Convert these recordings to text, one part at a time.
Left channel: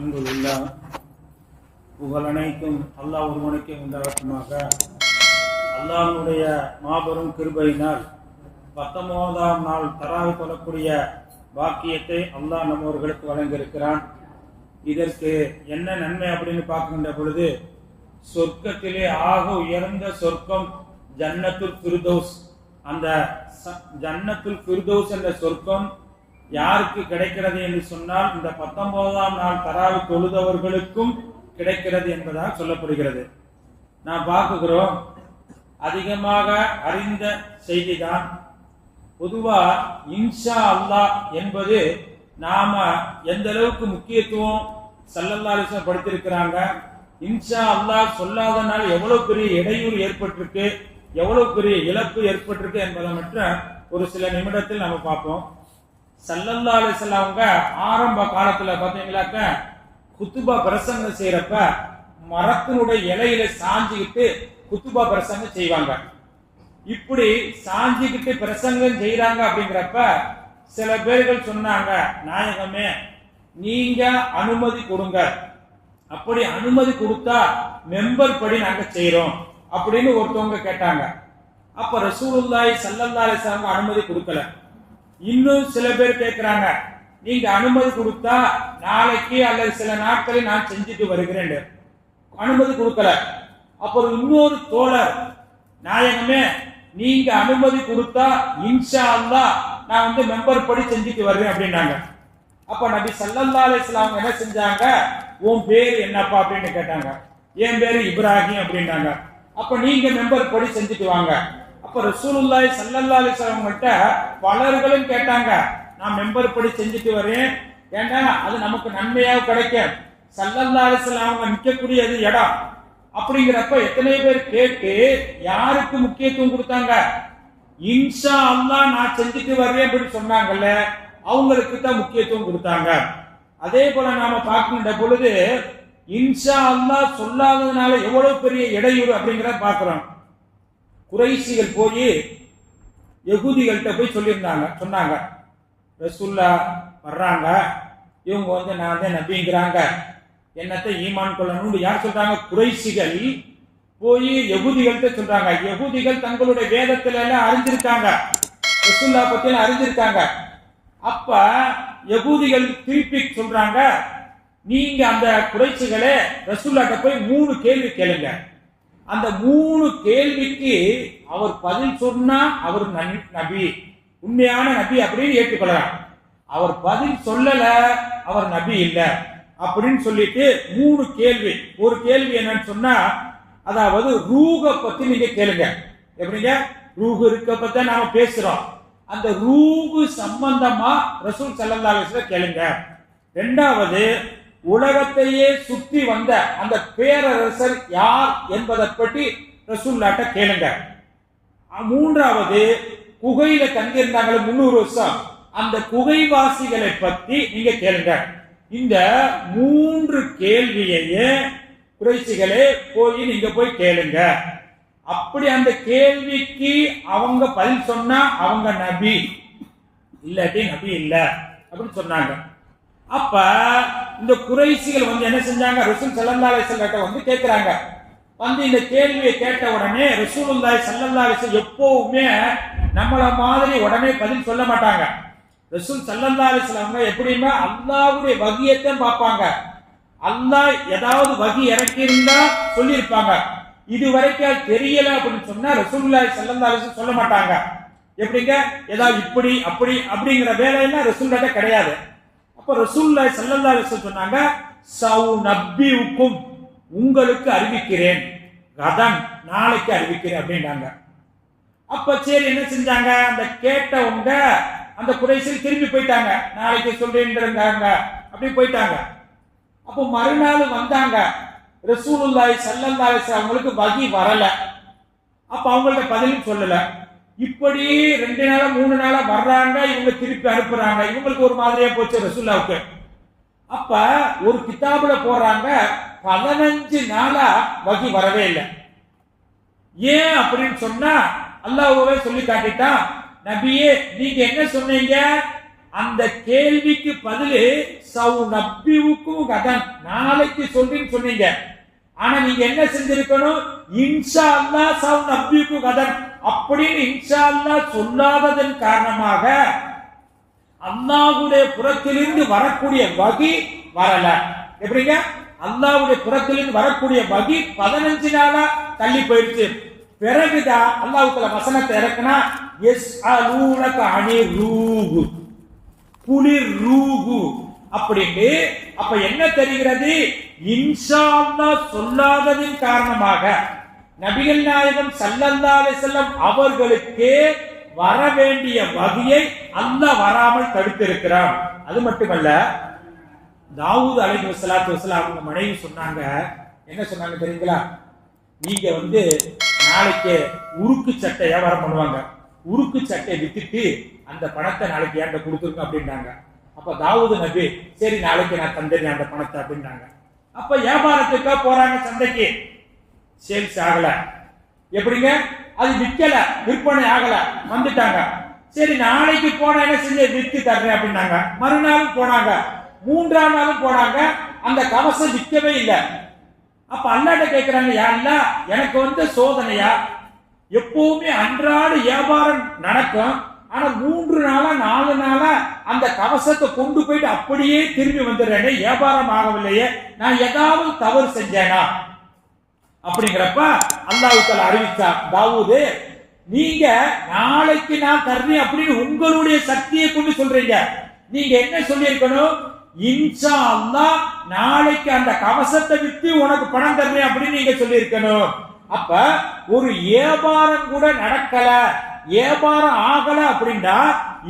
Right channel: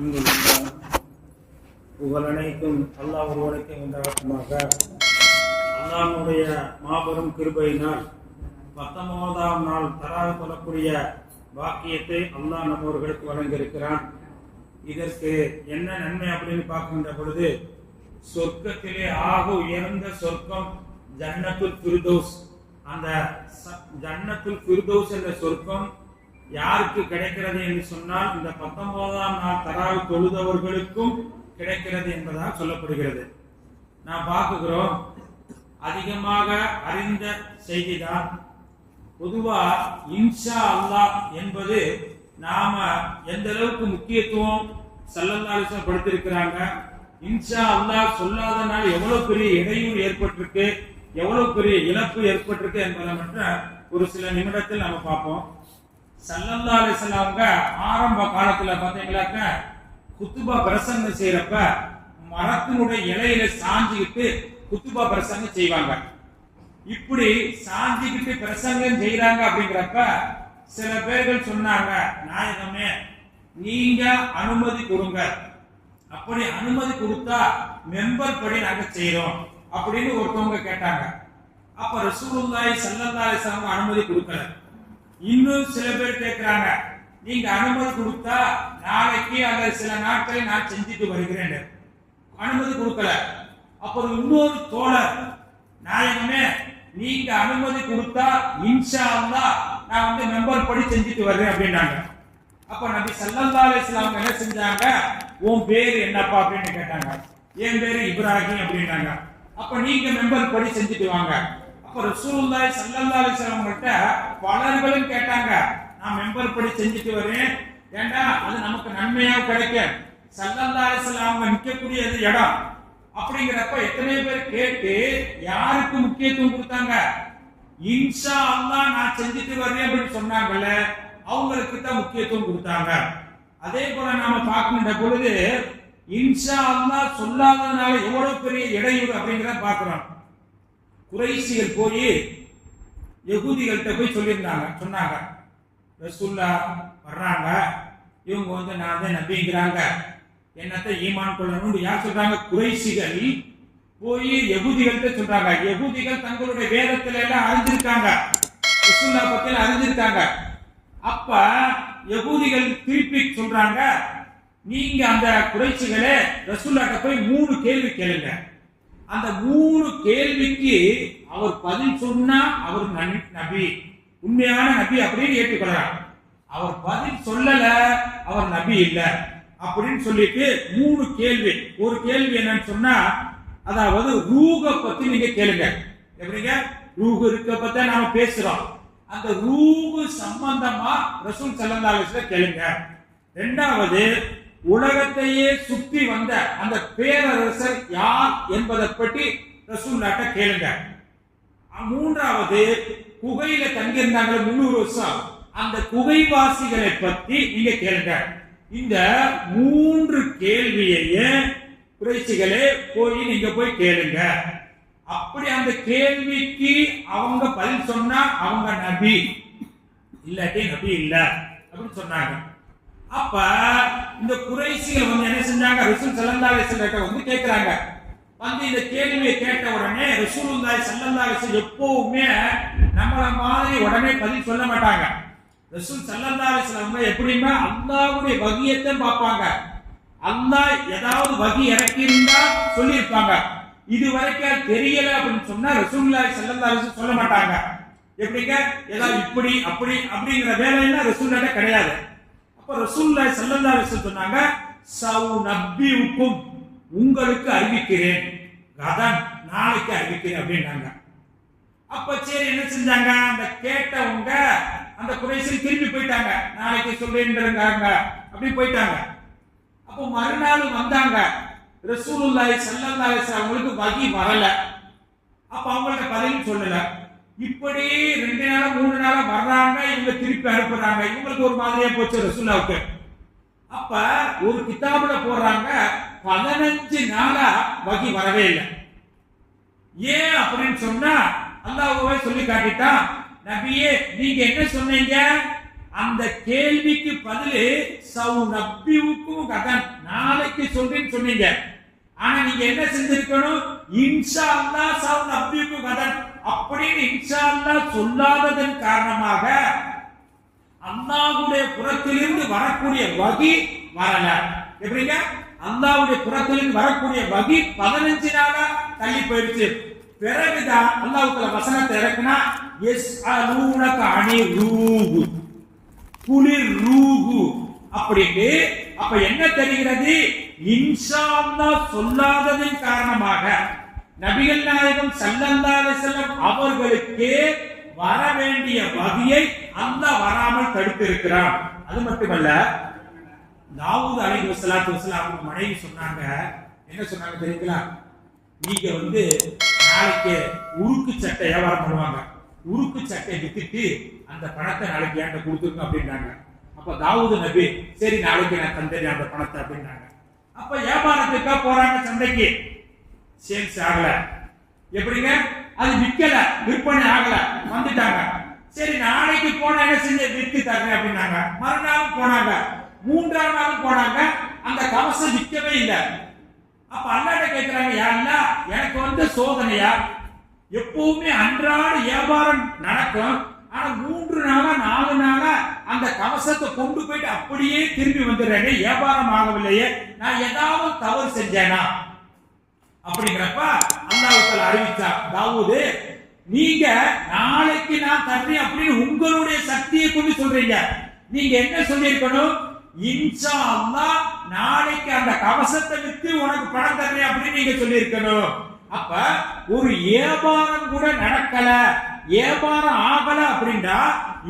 அல்ஹம்துலில்லாஹ். புகழ் அனைத்தும் அல்லாஹ் ஒருவனுக்கே உண்டாகட்டுமாக. அல்லாஹ்வுடைய மாபெரும் கிருபையினால் 19ஆம் நாள் தராவு தொழக்கூடிய பாக்கியத்தை அல்லாஹ் நம்மவர்களுக்கு வழங்கியிருக்கிறான். இதற்கு என்ன நன்மை அப்படின்னு பார்க்கின்ற பொழுது, சொர்க்கத்திலே ஆக உயர்ந்த சொர்க்கம் ஜன்னத்துல் ஃபிர்தௌஸ். அந்த ஜன்னத்துல் ஃபிர்தௌஸ் என்ற சொர்க்கம் யாருக்கு கிடைக்கிறது என்று சொன்னால், இந்த 19ஆம் நாள் தராவு தொழுதவர்களுக்கும் கிடைக்கிறது என்பதாக சொல்லப்படுகிறது. நான் பார்க்கிறோம், அதிகமாக அறிந்த செய்திதான். பொதுவா இன்ஷா அல்லாஹ் என்பது நாம எந்த அளவுக்கு முக்கியத்துவம் ஸல்லல்லாஹு அலைஹி வஸல்லம் படுத்திருக்கிறாங்க. இன்ஷா அல்லாஹ் சொல்லாதனால எவ்வளவு பெரிய இடையூறு ஏற்பட்டிருக்கு, எவ்வளவு பெரிய இழப்பு ஏற்பட்டிருக்கு என்பதை மட்டும் ஒரு சில நிமிடத்தில் நம்ம பார்ப்போம். ஸல்லல்லாஹு அலைஹி வஸல்லம் அவங்க ஆரம்ப காலத்துல பாத்தீங்கன்னாக்க குத்துபா பிரசங்கம் செய்யறப்ப மரத்தினுடைய இலையில சாஞ்சிக்கிட்டு குத்துபா பிரசங்கம் செய்வாங்க. இப்படி சாஞ்சிக்கிட்டு பிரசங்கம் செய்யறாங்க அப்படிங்கிறப்ப சில பேர்கள் சொன்னாங்க, நாயகமே நீங்க அனுமதி கொடுங்க, அப்படி அனுமதி கொடுத்தா மெம்பர் படி நாங்க செய்யறோம் அப்படின்னு ஒருத்தவங்க கேட்டாங்க. அப்ப ரசூலுல்லாஹி ஸல்லல்லாஹு அலைஹி வஸல்லம் அனுமதி கொடுக்கல. இன்னும் சில பேர் கேட்கிறாங்க, நீங்க அனுமதி கொடுத்தா நாளைக்கு அல்லது சில நாட்களில் நான் செஞ்சுட்டு வருகிறேன், அனுமதி கொடுக்கல. அப்புறம் இன்னொரு தோழர், நாயகமே நீங்க அனுமதி கொடுத்தா இன்ஷா அல்லாஹ் நான் மெம்பர் படி செஞ்சுட்டு வருவேன் அப்படின்னாங்க. அப்ப நபி ஸல்லல்லாஹு அலைஹி வஸல்லம் என்ன செஞ்சாங்க, உன் பேர் என்னப்பா அப்படின்னு கேட்டாங்க. என் பேரு இப்ராஹிம் அப்படின்னாங்க. அப்ப நீங்க மெம்பர் படி செஞ்சுட்டு வாங்க. அப்ப ரசூலுல்லாஹி ஸல்லல்லாஹு அலைஹி வஸல்லம் கிட்ட பலர்களும் கேட்டாங்க, நான் மெம்பர் படி செஞ்சுட்டு வரேன், ஏன்னா அது நமக்கு நன்மையாக கிடைக்கும். ஸல்லல்லாஹு அலைஹி வஸல்லம் அவங்க நிற்கக்கூடிய இடம் அப்படிங்கிறப்ப எத்தனை பேர் கேட்டு யாருக்கு முக்கியத்துவம் கொடுத்தாங்க, இன்ஷா அல்லாஹ் நான் செஞ்சுட்டு வரேன் அப்படின்னு சொன்னாங்கல்ல, அவங்களுக்கு தான் முக்கியத்துவம் கொடுத்தாங்க. அதே போல நாம பார்க்கின்ற பொழுது இன்ஷா அல்லாஹ் சொல்லாததுனால எவ்வளவு பெரிய இடையூறு அப்படிங்கிறத பார்க்கிறோம். குறைஷிகள் போய் யகூதிகள்கிட்ட போய் சொன்னாங்க, ரசூலுல்லாஹ் வர்றாங்க, இவங்க நான் தான் நபிங்கிறாங்க, என்னத்தை ஈமான் கொள்ளணும் யார் சொல்றாங்க? குறைஷிகள் போய் யகூதிகள்கிட்ட சொல்றாங்க. யகூதிகள் தங்களுடைய வேதத்துல எல்லாம் அறிஞ்சிருக்காங்க, ரசூலுல்லாஹ் பத்தி அறிஞ்சிருக்காங்க. அப்ப யகூதிகள் திருப்பி சொல்றாங்க, நீங்க அந்த குறைஷிகளே ரசூலுல்லாஹ்ட்ட போய் 3 கேள்வி கேளுங்க. அந்த 3 கேள்விக்கு அவர் பதில் சொன்னா அவர் நபி, உண்மையான நபி அப்படின்னு ஏற்றுக்கொள்றார். அவர் பதில் சொல்லல, அவர் நபி இல்ல அப்படின்னு சொல்லிட்டு 3 கேள்வி. ஒரு கேள்வி என்னன்னு சொன்னா, அதாவது ரூஹ பத்தி நீங்க கேளுங்க. எப்படிங்க ரூஹ் இருக்க பத்தி நாம பேசுறோம், அந்த ரூஹ் சம்பந்தமா ரசூல் ஸல்லல்லாஹு அலைஹி வஸல்லம் கேளுங்க. இரண்டாவது, உலகத்தையே சுற்றி வந்த அந்த பேரரசர் யார் என்பதை பற்றி ரசூலுல்லாஹ்ட்ட கேளுங்க. மூன்றாவது, குகையில தங்கியிருந்தாங்க 300 வருஷம், அந்த குகைவாசிகளை பத்தி நீங்க கேளுங்க. இந்த 3 கேள்வியையே குறைஷிகளே போய் நீங்க போய் கேளுங்க. அப்படி அந்த கேள்விக்கு அவங்க பதில் சொன்னா அவங்க நபி, இல்லாட்டி நபி இல்ல அப்படின்னு சொன்னாங்க. அப்ப இந்த குறைஷிகள் என்ன செஞ்சாங்க, ரசூல் ஸல்லல்லாஹு அலைஹி வஸல்லம் கேட்கிறாங்க. இந்த கேள்வியை கேட்ட உடனே ரசூலுல்லாஹி ஸல்லல்லாஹு அலைஹி வஸல்லம் எப்பவுமே நம்மள மாதிரி உடனே பதில் சொல்ல மாட்டாங்க. ரசூல் ஸல்லல்லாஹு அலைஹி வஸல்லம் எப்படின்னா அல்லாஹ்வுடைய வஹியத்தை பார்ப்பாங்க. அல்லாஹ் ஏதாவது வஹி இறக்கி இருந்தா சொல்லி இருப்பாங்க. இது வரைக்கும் தெரியல அப்படின்னு சொன்னா ரசூலுல்லாஹி ஸல்லல்லாஹு அலைஹி வஸல்லம் சொல்ல மாட்டாங்க. எப்படிங்க ஏதாவது இப்படி அப்படி அப்படிங்கிற வேலையெல்லாம் ரசூலுல்லாஹ்ட்ட கிடையாது. அப்ப ரசூலுல்லாஹி ஸல்லல்லாஹு அலைஹி வஸல்லம் சொன்னாங்க, சவுநப்பியுக்கும் உங்களுக்கு அறிவிக்கிறேன், கதன் நாளைக்கு அறிவிக்கிறேன் அப்படின்னாங்க. அப்ப சரி என்ன செஞ்சாங்க, அந்த கேட்டவங்க அந்த குறைஷிகள் திரும்பி போயிட்டாங்க, நாளைக்கு சொல்றேன்றாங்க அப்படி போயிட்டாங்க. அப்ப மறுநாள் வந்தாங்க, ரசூலுல்லாஹி ஸல்லல்லாஹு அலைஹி வஸல்லம் அவங்களுக்கு வஹி வரல. அப்ப அவங்கள்ட்ட பதில் சொல்லல. இப்படி 2 நாளா 3 நாளா வர்றாங்க, இவங்க திருப்பி அனுப்புறாங்க. இவங்களுக்கு ஒரு மாதிரியா போச்சு ரசூலுல்லாஹ்வுக்கு. அப்ப ஒரு கிதாபுல போடுறாங்க, 15 நாளா வஹி வரவே இல்லை. ஏன் அப்படின்னு சொன்னா அல்லாஹ்வே சொல்லி காட்டிட்டான், நபியே நீங்க என்ன சொன்னீங்க, அந்த கேள்விக்கு பதில் சௌநப்பியுக்கும் கதன், நாளைக்கு சொல்றேன்னு சொன்னீங்க. ஆனா நீங்க என்ன செஞ்சிருக்கணும், இன்ஷா அல்லாஹ் சௌநப்பியுக்கும் கதன் அப்படின்னு இன்ஷா அல்லாஹ் சொல்லாததன் காரணமாக அல்லாஹ்வுடைய புறத்திலிருந்து வரக்கூடிய வகி வரல. எப்படிங்க, அல்லாஹ்வுடைய புறத்திலிருந்து வரக்கூடிய வகி 15 நாளா தள்ளி போயிடுச்சு. பிறகுதான் அல்லாஹ் தஆலா வசனத்தை இறக்குனா, யஸ்அலூனக அனிர் ரூஹ், குளிர் ரூஹு அப்படின்னு. அப்ப என்ன தெரிகிறது, இன்ஷா அல்லாஹ் சொல்லாததின் காரணமாக நபிகள் நாயகம் ஸல்லல்லாஹு அலைஹி வஸல்லம் அவர்களுக்கு வர வேண்டிய வகையை அல்லாஹ் வராமல் தடுத்திருக்கிறான். அது மட்டுமல்ல, தாவூத் அலைஹிஸ்ஸலாத்து வஸலாம் அவங்க மனைவி சொன்னாங்க, என்ன சொன்னாங்க தெரியுங்களா, நீங்க நாளைக்கு உருக்கு சட்டை வியாபாரம் பண்ணுவாங்க, உருக்கு சட்டை வித்துட்டு அந்த பணத்தை நாளைக்கு என்கிட்ட கொடுத்துருங்க அப்படின்னாங்க. அப்ப தாவூது நபி, சரி நாளைக்கு நான் தந்தேன் அந்த பணத்தை அப்படின்னாங்க. அப்ப வியாபாரத்துக்காக போறாங்க சந்தைக்கு, சேல்ஸ் ஆகல. எப்படிங்க, அது விற்கல, விற்பனை ஆகல, வந்துட்டாங்க. சரி நாளைக்கு போன என்ன செஞ்சு விற்று தர்றேன் அப்படின்னாங்க. மறுநாள் போனாங்க, 3ஆம் நாளும் போனாங்க, அந்த கவசம் விற்கவே இல்லை. அப்ப அல்லாஹ்ட்ட கேக்குறாங்க, யா அல்லாஹ் எனக்கு சோதனையா, எப்பவுமே அன்றாட வியாபாரம் நடக்கும், ஆனா 3 நாளா 4 நாளா அந்த கவசத்தை கொண்டு போயிட்டு அப்படியே திரும்பி வந்துடுறேனே, வியாபாரம் ஆகவில்லையே, நான் ஏதாவது தவறு செஞ்சேனா அப்படிங்கிறப்ப அல்லாஹ் தஆலா அறிவிச்சா, தாவூது நீங்க நாளைக்கு நான் தர்றேன் அப்படின்னு உங்களுடைய சக்தியை கொண்டு சொல்றீங்க. நீங்க என்ன சொல்லியிருக்கணும், இன்ஷா அல்லாஹ் நாளைக்கு அந்த கவசத்தை வித்து உனக்கு பணம் தர்றேன் அப்படின்னு நீங்க சொல்லியிருக்கணும். அப்ப ஒரு வியாபாரம் கூட நடக்கல, வியாபாரம் ஆகல அப்படின்னா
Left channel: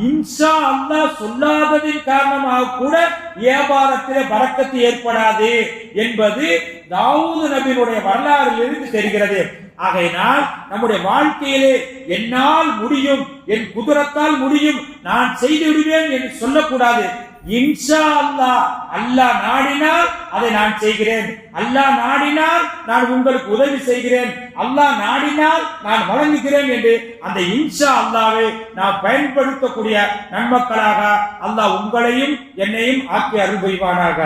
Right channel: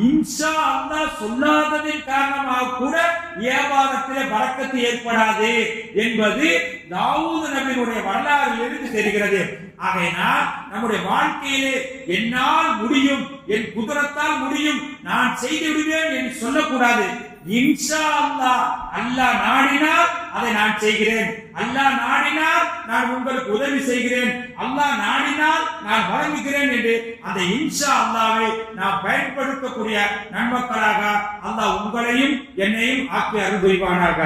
இன்ஷா அல்லாஹ் சொல்லாததின் காரணமாக கூட வியாபாரத்திலே பரக்கத்து ஏற்படாது என்பது தாவூது நபியினுடைய வரலாறில் இருந்து தெரிகிறது. ஆகையினால் நம்முடைய வாழ்க்கையிலே என்னால் முடியும், என் குதிரத்தால் முடியும், நான் செய்து விடுவேன் என்று சொல்லக்கூடாது. இன்ஷா அல்லாஹ், அல்லாஹ் நாடினால் அதை நான் செய்கிறேன், அல்லாஹ் நாடினால் நான் உங்களுக்கு உதவி செய்கிறேன், அல்லாஹ் நாடினால் நான் வழங்குகிறேன் என்று அந்த இன்ஷா அல்லாஹ்வை நாம் பயன்படுத்தக்கூடிய நன்மக்களாக அல்லாஹ் உங்களையும் என்னையும் ஆக்கி அருள் புரிவானாக.